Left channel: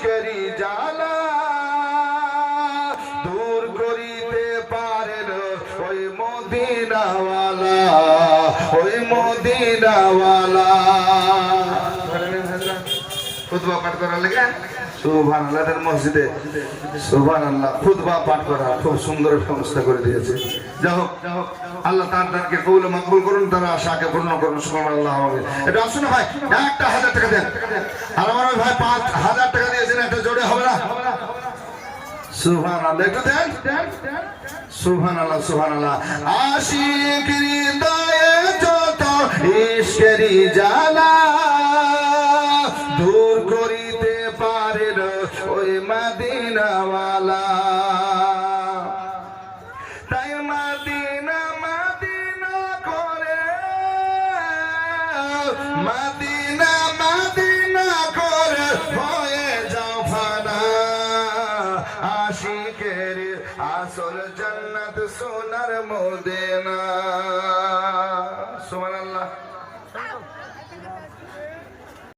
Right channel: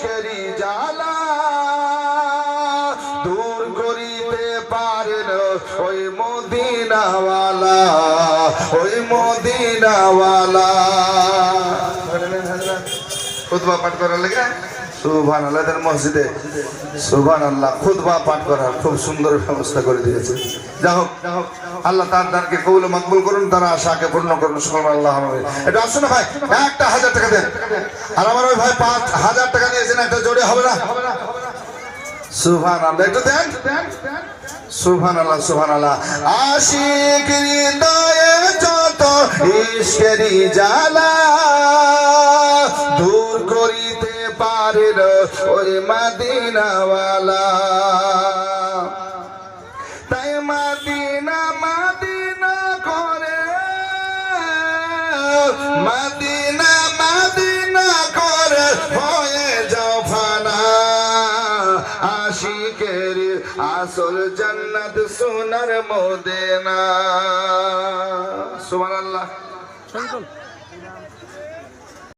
ইশকেরি জ্বালা দূর করিতে পারেন ওই মদিনাওয়ালা, ওই মদিনাওয়ালা। খুতবা পাঠ করার লাগে সুবহানাল্লাহ, তার মসজিদে সুবহানাল্লাহ খুতবা পাঠ করার খুব সুন্দর ব্যবস্থা করে দিয়েছে। যাই হোক আল্লাহ তাদেরকে কবুল মকবুল করুন, তারা আশাকে পূর্ণ করুন। সুবহানাল্লাহ। এটা আসুন ভাই, একটা 1000 টাকা দেন। আর আমার ওই ভাই 5000 টাকা নিয়েছেন, একটা জোড়ে হবে না? সুবহানাল্লাহ, একটু দেন। সুবহানাল্লাহ সুবহানাল্লাহ। আশিক হৃদয়ে যত ইশকেরি জ্বালা দূর করিতে পারেন ওই মদিনাওয়ালা। তাই মদিনা মদিনা করে, মদিনা মদিনা করে হয়ে যাও ফানা। আশিকের আসল জান্নাত সোনার মদিনা। সুবহানাল্লাহ।